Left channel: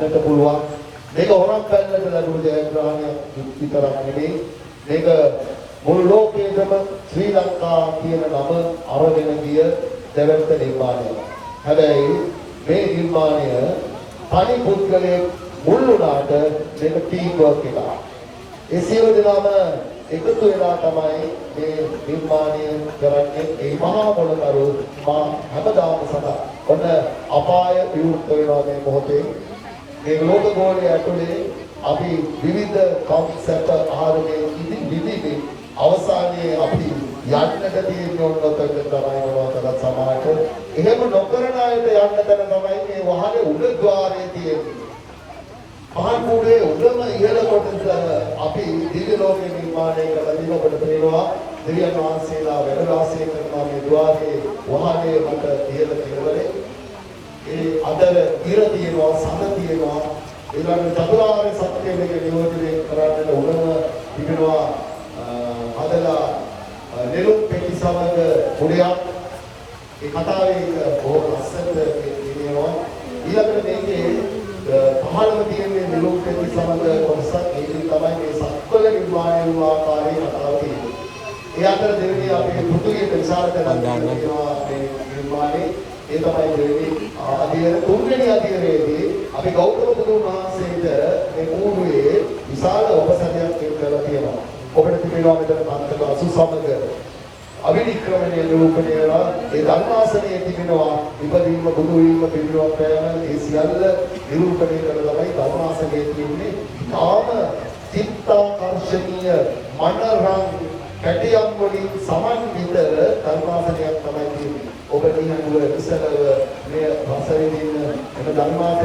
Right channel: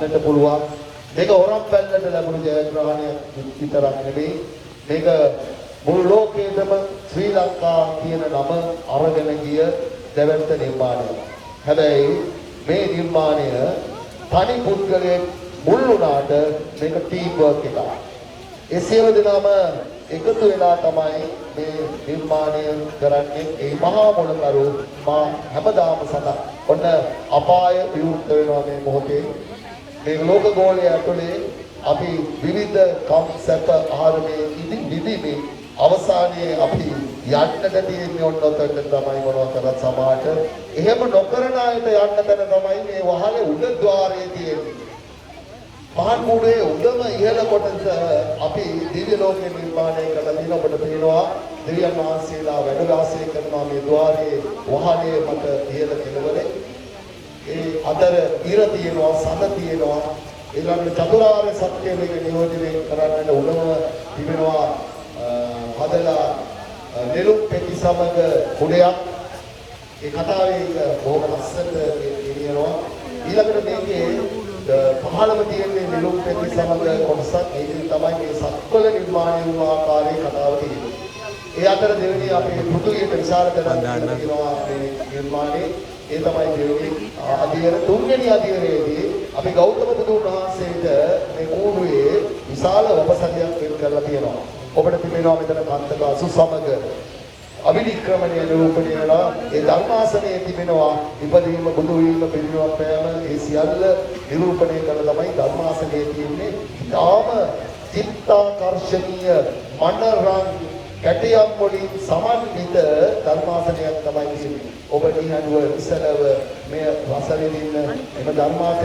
යන්නට පුළුවන්. මේක ඕනම පැත්තට ලැබුණු ජයග්‍රහණයක් විතරක් නෙවෙයි. මේක මුළු ලෝකයේම ශ්‍රී ලංකා කියන නම අරගෙන ගිය දෙවන්ත නිර්මාණයක්. හැබැයි මේ නිර්මාණය තනි පුද්ගලයෙක් මුල් වුණාට මේක ටීම් වර්ක් එකක්. ඒ සියලු දෙනාම එකතු වෙලා තමයි මේ නිර්මාණය කරන්නේ. ඒ මහා මොළකරු මා හැමදාම සඳහන්. ඔන්න අපාය විවෘත වෙනවා මේ මොහොතේ. මේ ලෝක ගෝලය ඇතුලේ අපි විවිධ කම්සැප ආරමේ ඉදිරිදී අවසානයේ අපි යන්නට තියෙන ඔන්නතට තරමනවා කරත් සමාජ එහෙම නොකරන අයට යන්න තැන තමයි මේ වහලේ උඩ ద్వාරයේ තියෙන්නේ. මහනුවරේ උඩම ඉහළ කොටස අපි දිව්‍ය ලෝකේ නිර්මාණය කළ දිනකට පේනවා දෙවියන් වහන්සේලා වැඩ වාසය කරන මේ ద్వාරයේ වහලේ මත ඉහළ කෙළවරේ ඒ අතර ඉර තියෙනවා සඳ තියෙනවා ඒ වගේ චතුරාර්ය සත්‍ය දෙක නියෝජනය කරන්න උනව තිබෙනවා හදලා නෙළුම් පෙටි සමග කුඩයක් ඒ කතාවේ බොහොම ලස්සනට කියනවා ඊළඟට මේකේ පහළම තියෙන නෙළුම් පෙටි සමග කොටසක් ඒකෙන් තමයි මේ සත්වල නිර්මාණය වූ ආකාරයේ කතාව තියෙන්නේ. ඒ අතර දෙවෙනි අපේ පෘථිවිය විශාල කරන නිර්මාණය ඒ තමයි දෙවෙනි අධ්‍යයන තුන්වෙනි අධ්‍යයනයේදී අපි ගෞතම බුදුන් වහන්සේට මේ පූර්වයේ විශාල උපසමයක් කරලා තියෙනවා. ඔබට තිබෙනවා මෙතන කාන්තබාසු සමග අවිනික්‍රමණය නිරූපණය වෙලා ඒ ධර්මාසනයේ තිබෙනවා ඉපදීම බුදු වීම පිළිවෙල පෑම ඒ සියල්ල නිරූපණය කරලා තමයි ධර්මාසනයේ තියෙන්නේ. තාම චිත්තාකර්ෂණීය මනරම් කැටියම් වලින් සමන්විත ධර්මාසනයක් තමයි තියෙන්නේ. ඔබ දිනනුව ඉස්සරව මේ රස විඳින්න එම ධර්මාසනය